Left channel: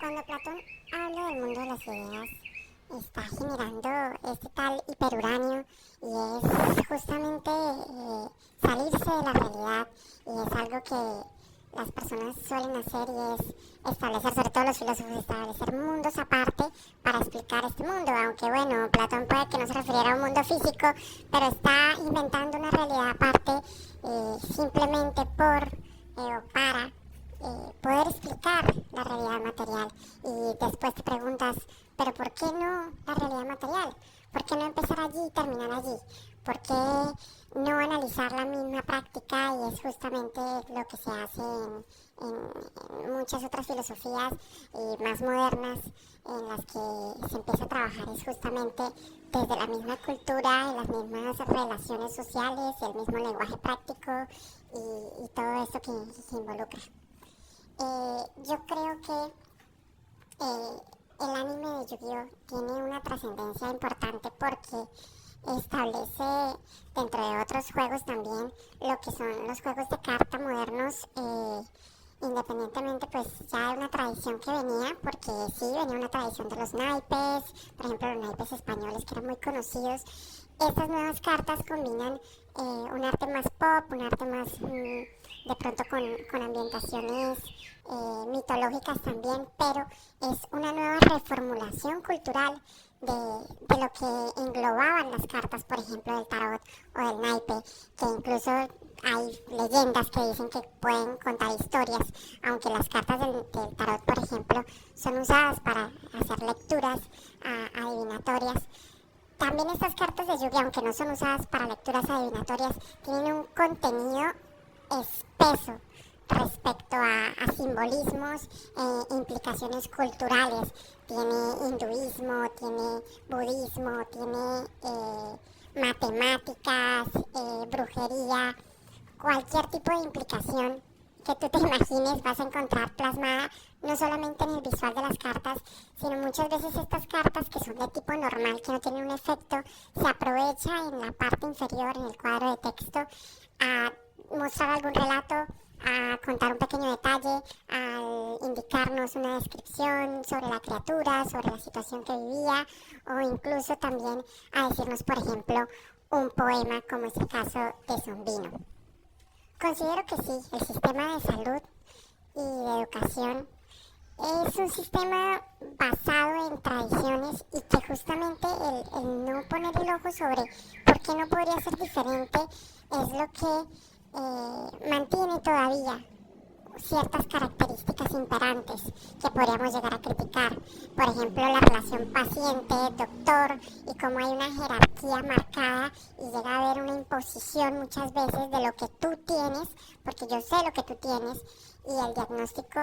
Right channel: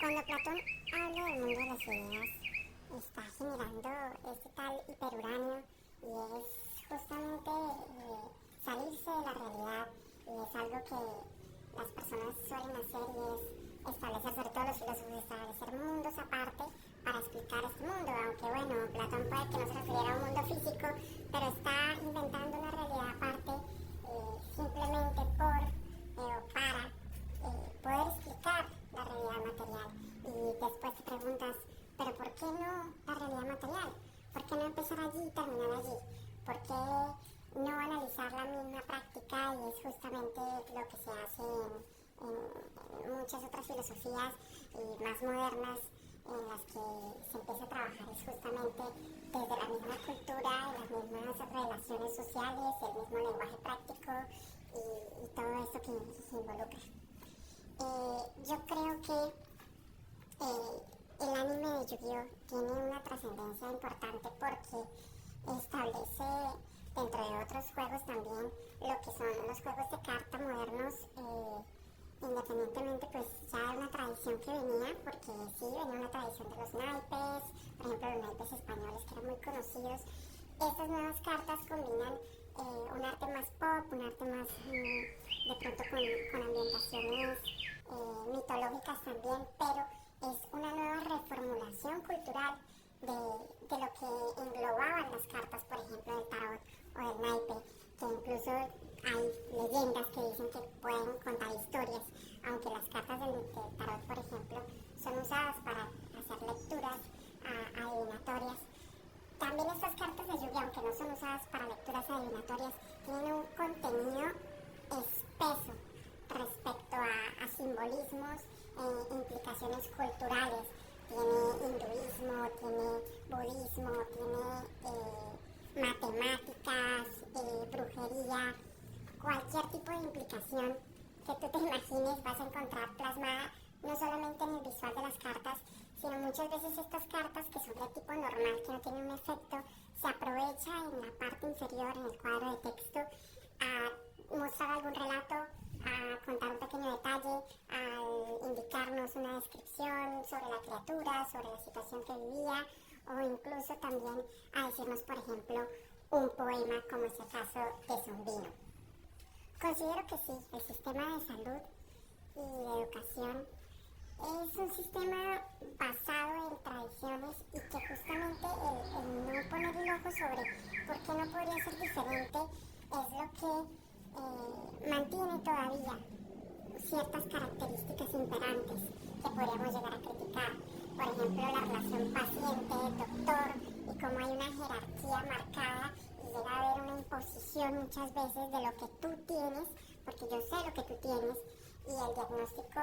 Cuando Platón habla del mundo de las ideas, está generando este tal hiperuranio y es justamente salirse de la realidad y es algo que las personas suelen hacer y es establecer, sobre todo los filósofos, establecer mundos aparte para explicar este mundo, aunque bueno, Platón puede que no se refiriera a un mundo físico, pero está inventando una realidad aparte simplemente por o para poder explicar la realidad material. Y después te preguntas, pero ¿por qué no la realidad material? ¿Por qué no empezar allí y terminar allí? ¿Por qué no analizar la misma práctica? Y es justamente lo que se hace en muchas otras filosofías más modernas en las que se empieza a trabajar es justamente desde la misma cultura, en las mismas relaciones sociales y el mismo lenguaje práctico y todo esto que involucra. Yo creo que el anime de Yu-Gi-Oh tiene una trascendencia importante porque establece, dentro de otros juegos también, lo que son los juegos de carta modernos, independientemente pues ya de una tradición que venía, porque sí, venía una tradición de los naipes, por ejemplo los naipes españoles que eran muy conocidos. Estas nuevas cartas combinan un arte más pop, un arte más de pronto con ambientaciones mitológicas también, pero es una nueva reformulación cultural de lo que englobaban las cartas, por ejemplo, del tarot o del naipe, que incluso hay leyendas que dicen que pueden contar historias, aunque las cartas del tarot, por ejemplo, son usadas para hacer lecturas adivinatorias. También estas cartas de lluvia, aunque no son usadas para lecturas adivinatorias, tienen un contenido espeso respecto a simbolismos e implicaciones culturales. Tiene hinduismo, tiene budismo, tiene matemáticas, brujería, cualquier tipo de implicación que tú te imagines vas a encontrar plasmada no solamente en el visual de las cartas, sino muchas veces estas cartas que son de tipo normal, que no tienen un efecto, se aprovecha en la parte inferior, en el cuadro de texto, a mostrar algún relato, a contar un pequeño detalle, a indicarnos una descripción sobre la criatura, sobre la situación que vivía, o incluso también a decirnos, por ejemplo, un poema, como es el caso de Zombino. Considero que sí, el sistema de salud y de educación es un sistema basado en tradiciones y que justamente el no poner el ojo sobre por qué no podría ser diferente es lo que mantiene todavía ciertas características imperantes que podríamos llegar a criticar. Por ejemplo, la relación paciente-doctor y cómo hay una jerarquía marcada y llega a haber una imposición muchas veces de lo que tú tienes, porque yo sé lo que tú tienes y el diagnóstico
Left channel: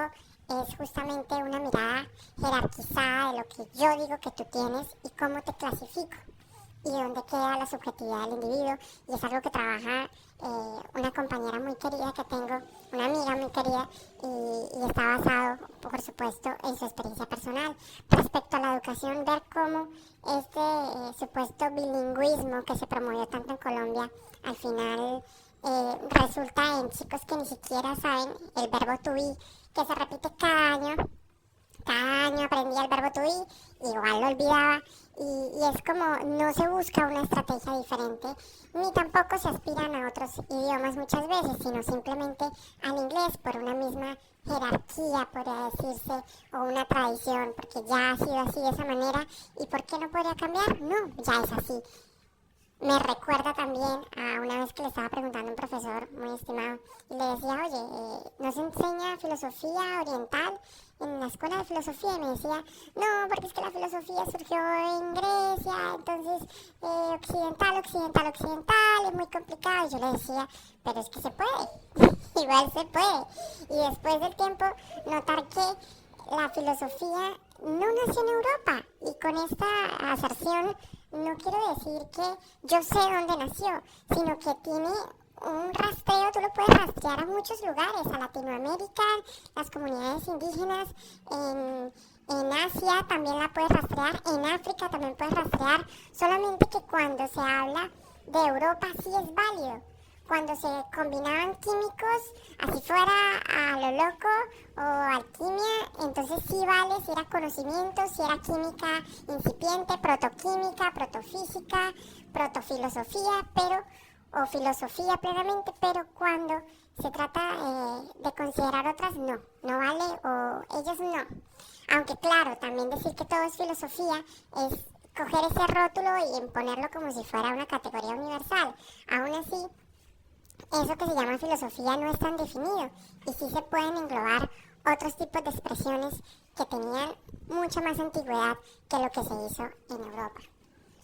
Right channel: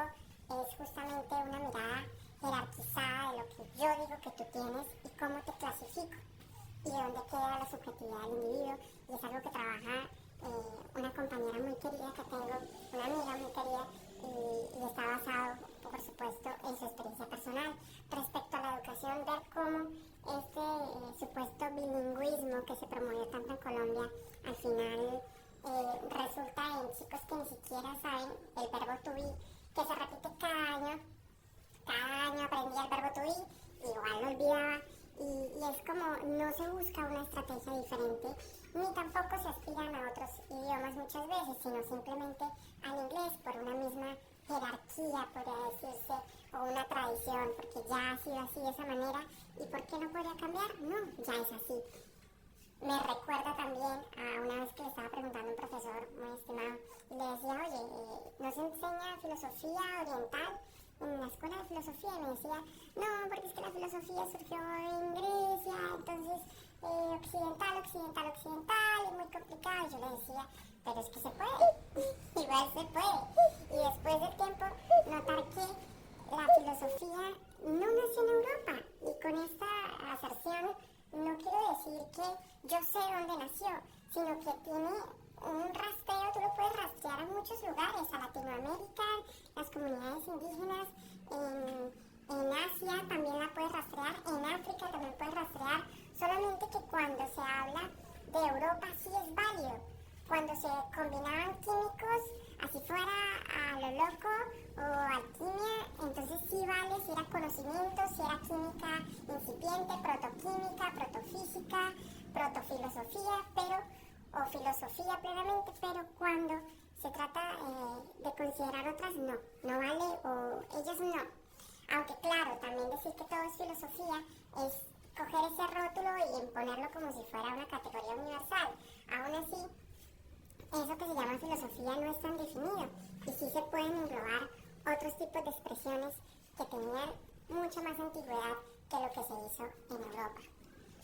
es justamente una mirada jerarquizada de lo que yo digo que tú tienes y cómo te clasifico y dónde queda la subjetividad del individuo. Y es algo que trabaja una compañera muy querida que tengo, una amiga muy querida, y está basado, por supuesto, en su experiencia personal. Respecto a la educación, ver cómo este supuesto bilingüismo que se promovió tanto en Colombia, al final resulta en chicos que ni siquiera saben el verbo to be, que se repite cada año aprendía el verbo to be, igual lo olvidaba, y es como no se busca una estrategia diferente, ni tampoco se aspiran a otros idiomas muchas veces, sino simplemente al inglés por una misma jerarquía, podría decirse, o una tradición, porque ya ha sido así de esa manera, ¿y por qué no podría cambiar? No, ya es así. Me recuerda también a una vez que le estaba preguntando a un profesor muy estimado y le decía, oye, ¿no se enseña filosofía oriental en la escuela de filosofía? Y me decía, no, porque es que la filosofía surgió en Grecia, entonces occidental, es muy complicado. Y yo le decía, pero es que se puede, igual se puede. Y después del tiempo notar que la filosofía no nació en Europa, y con esta aserción no quiero decir que yo sé dónde nació, sino que tiene un rastreo, tú lo puedes rastrear a muchos lugares, a Latinoamérica, las comunidades indígenas, en Asia también la puedes rastrear, en África también puedes rastrear, solamente que cuando se habla de Europa sí es válido, cuando se combinaban químicos, así fuera a lo loco o alquimia, entonces sí vale si era conocimiento, si era química incipiente, protoquímica, protofísica, protofilosofía, o filosofía plenamente, pero cuando se trata de considerar otras, no vale, o ellos no. Aunque claro, también decir que todo es filosofía es coger ese rótulo y imponerlo como si fuera una categoría universal. Aún así, eso que se llama filosofía no es tan definido y sí se pueden englobar otros tipos de expresiones que tenían mucha más antigüedad que lo que se hizo en Europa.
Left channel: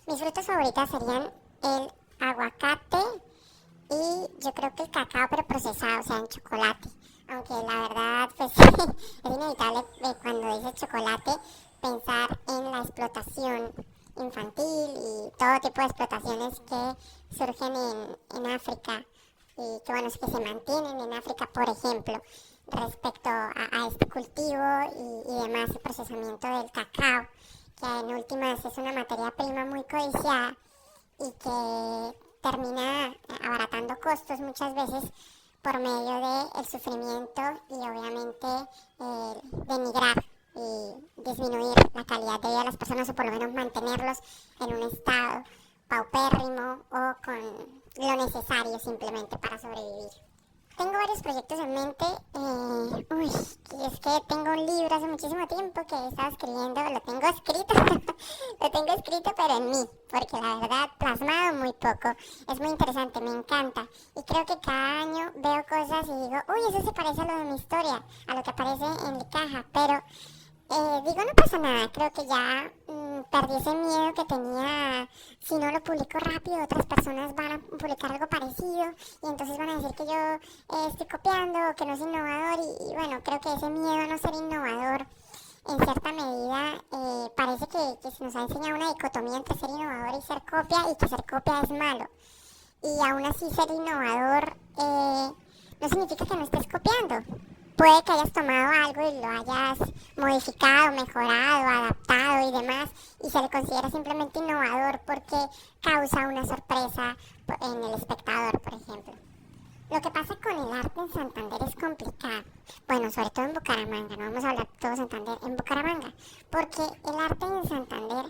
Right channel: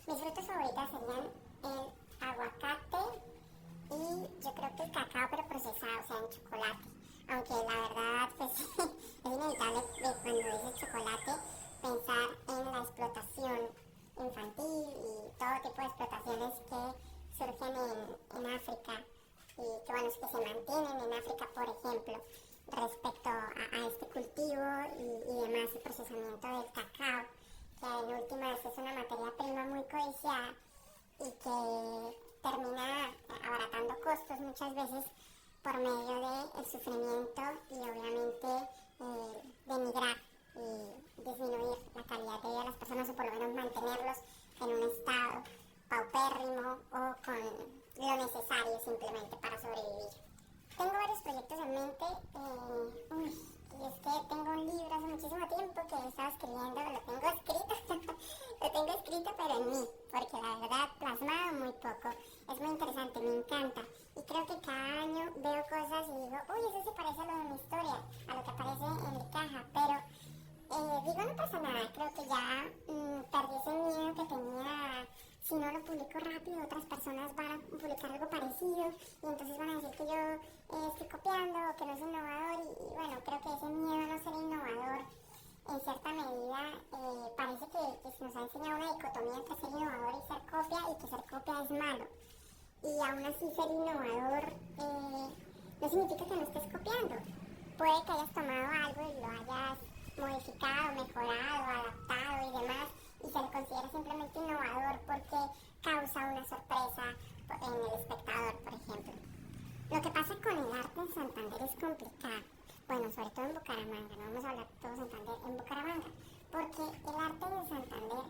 Mis frutas favoritas serían el aguacate y yo creo que el cacao, pero procesado, o sea, en chocolate. Aunque la verdad, pues es inevitable cuando dice chocolate pensar en la explotación infantil y todo tipo de explotaciones que surgen en África y que, bueno, que se mantienen en África, por ejemplo, respecto a este cultivo y demás, el procesamiento del cacao, que en últimas es una materia prima muy codiciada y que termina abaratando costos muchas veces por medio del sufrimiento y obviamente denigrar y disminuir la calidad de vida de las personas o por lo menos mantenerlos en un estado paupérrimo o con lo necesario simplemente para sobrevivir. Tengo varios proyectos en mente. Es que tengo un libro hace muchísimo tiempo que he estado escribiendo, lo tengo escrito, lo tengo escrito pero en mí, porque la verdad plasmado muy poco. Es muy interesante, me encanta. Y creo que cada año veo cosas y digo, eso se parece a lo de mi historia, a lo que aparece en mi caja, pero digo, no pasa nada, creo que ya perdí ese miedo que tenía. Si no lo publico rápido, otras personas van a publicar algo parecido y entonces van a decir que yo estoy copiando o que no es innovador y bueno, creo que ese miedo a no ser innovador en cierta medida parece que se nos ha enseñado una dicotomía entre ser innovador y ser copia y que ser copia es malo. Y aún así ser innovador no significa que no estés copiando. Puede que hayas tomado algo y lo hayas modificado, mejorado, adaptado y demás, y se le considera simplemente innovador porque causa una sorpresa en el espectador, por ejemplo. Lo que pasa con el arte en Santander es complicado. Bueno, sobre todo en Bucaramanga, no vamos a hablar todo Santander, en Bucaramanga, porque el arte en Santander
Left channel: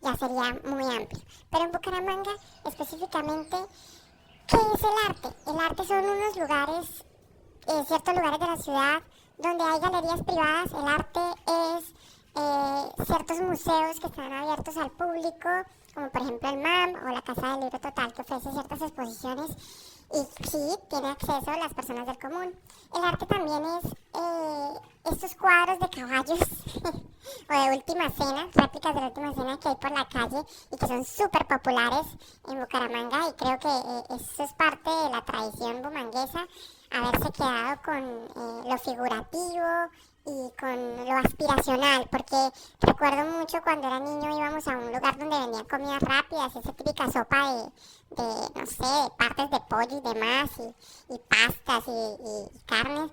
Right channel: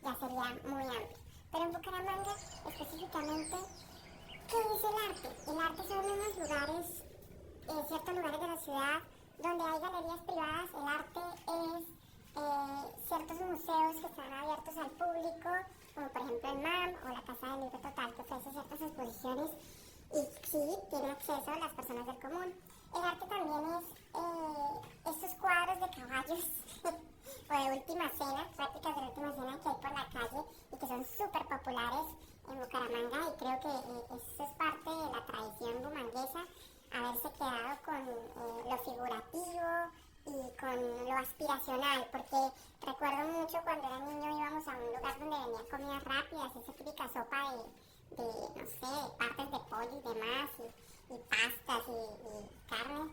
ya sería muy amplio. Pero en Bucaramanga, específicamente, ¿qué es el arte? El arte son unos lugares, ciertos lugares de la ciudad donde hay galerías privadas. El arte es ciertos museos que están abiertos al público, como por ejemplo el MAM o la Casa del Libro Total, que ofrece ciertas exposiciones y sí, tiene acceso a las personas del común. El arte también es estos cuadros de caballos o de última cena, réplicas de la última cena que hay por la calle y que son súper populares en Bucaramanga, y creo que eso es parte de la tradición bumanguesa, haberse quedado con lo figurativo y con lo aspiracional, porque recuerdo mucho cuando era niño íbamos a un lugar donde vendían comidas rápidas, esa típica sopa no sé, de partes de pollo y demás, y pastas y carnes.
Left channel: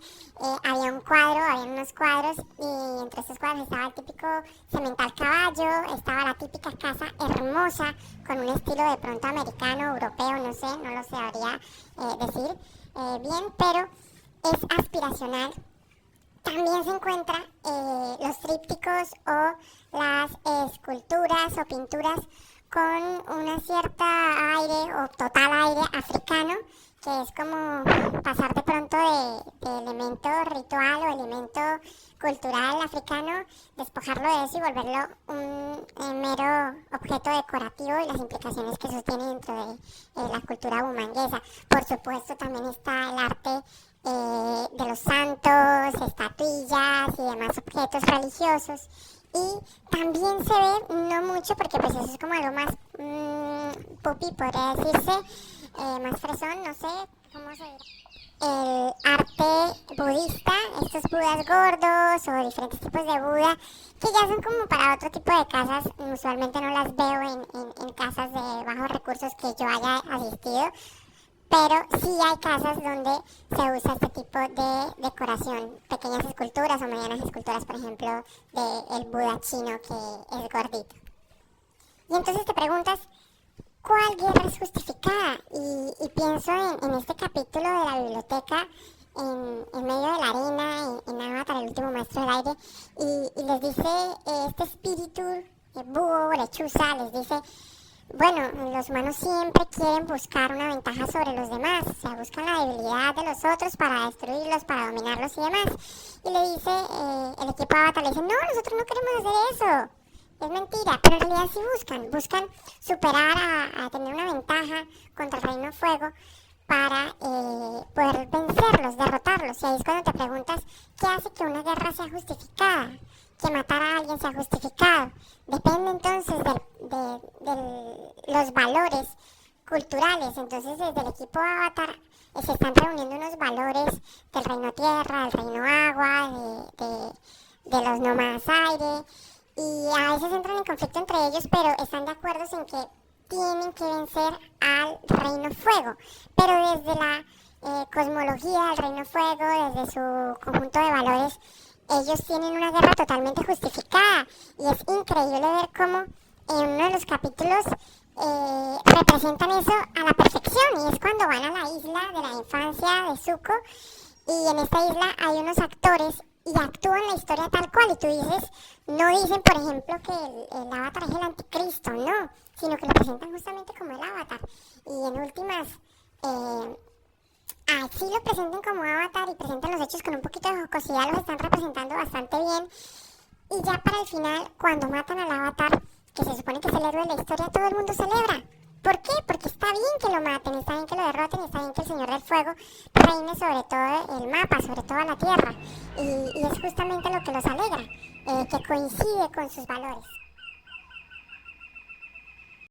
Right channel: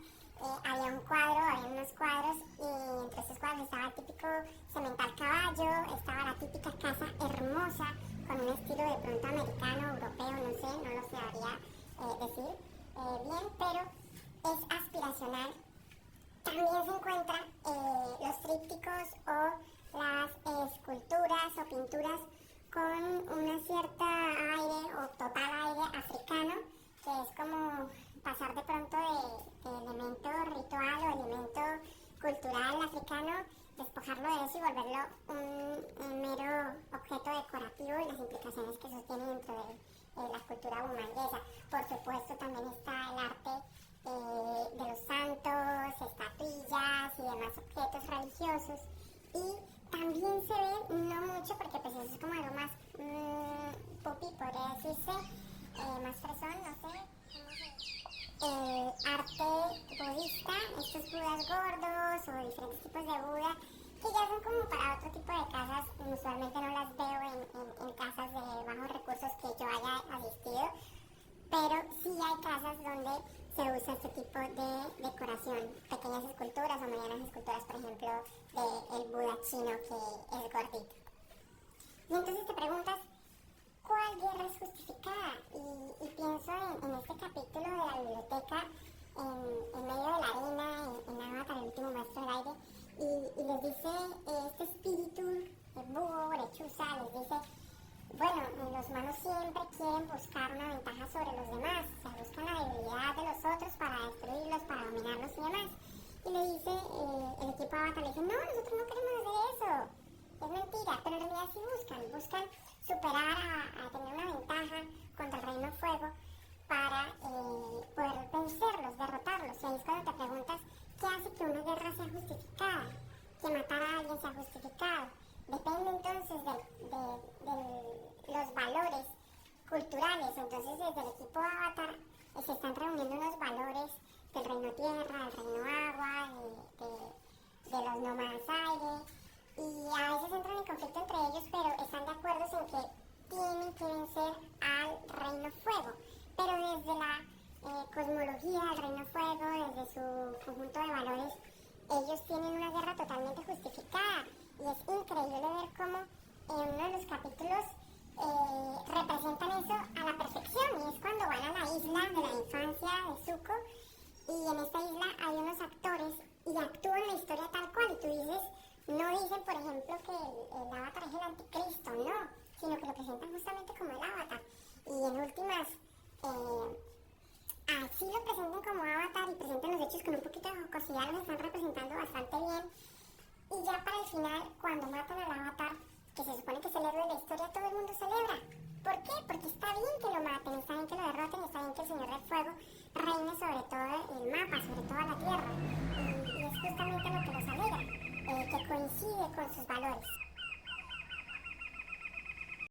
Había un cuadro, había unos cuadros, y entre esos cuadros estaba el típico semental caballo, estaba la típica casa hermosa, con un estilo de pronto americano, europeo, no sé, no lo sabría decir bien, pero es aspiracional. También se encuentran los trípticos o las esculturas o pinturas con una cierta aire o total aire africano, que es como pasar de pronto de elemento ritual o elemento cultural africano, despojarlo de eso y volverlo un mero objeto decorativo, y las implicaciones que eso tiene dentro de la cultura bumanguesa. Por supuesto también está el arte de los santos, estatuillas y demás objetos religiosos. Y también se ve, no mucho, porque pues eso es como algo más pupi, podría decirse, más fresón, no sé cómo se dirá. El arte budista, estos budas gordos o diferentes tipos de Buda, que ya son como para otro tipo de casas. Usualmente no las veo en casas de bajos recursos que yo haya asistido, pero sí hay casas donde se usa este tipo de decoración, pequeñas esculturas o medianas esculturas, por ejemplo, del Buda chino, que es gordito. Y entonces te preguntas, ¿cuál guerra es justificada? Y pienso en este capítulo de la biblioteca, en medio de la arena, en Avatar, el último maestro del aire, y les dice este espíritu, búho, lechuza, les dice, bueno, los humanos siempre quieren buscar una ventaja sobre los demás, o sea, buscan la debilidad de los otros para destruirlos, para dominarlos y demás. Y le dice, el equipo Avatar le dice, no, nosotros no queremos hacer eso. Es mentira, pero en realidad sí buscan superar a tener una ventaja contra el Reino Fuego para poder vencerlos, derrotarlos. Y ahí es cuando te preguntas, ¿qué hace que una guerra sea justificada? Que matar a alguien sea justificado. Depende entonces de los valores culturales. Entonces desde el equipo Avatar se están reuniendo unos valores del Reino Tierra, del Reino Agua, de los nómadas aire. Y a veces entran en conflicto entre ellos, pero están de acuerdo en que tienen que vencer al Reino Fuego. Pero desde la cosmología del Reino Fuego, desde su conjunto de valores, ellos tienen una guerra totalmente justificada. Y es increíble ver cómo en uno de los capítulos representan eso a la perfección. Y es cuando van a la isla de la infancia de Zuko. Y en esta isla hay unos actores y actúan la historia tal cual. Y tú dices, no dicen, por ejemplo, que el avatar es el anticristo, no, sino que lo presentan justamente como el avatar. Y en últimas, así lo presentan como avatar y presentan los hechos con un poquito de jocosidad, los están representando bastante bien. Y ya para el final, cuando matan al avatar, que se supone que es el héroe de la historia, todo el mundo celebra. ¿Por qué? Porque está bien que lo maten, está bien que lo derroten, está bien que el Señor del Fuego reine sobre todo el mapa, sobre toda la tierra. Y es justamente lo que los alegra, que coincide con sus valores.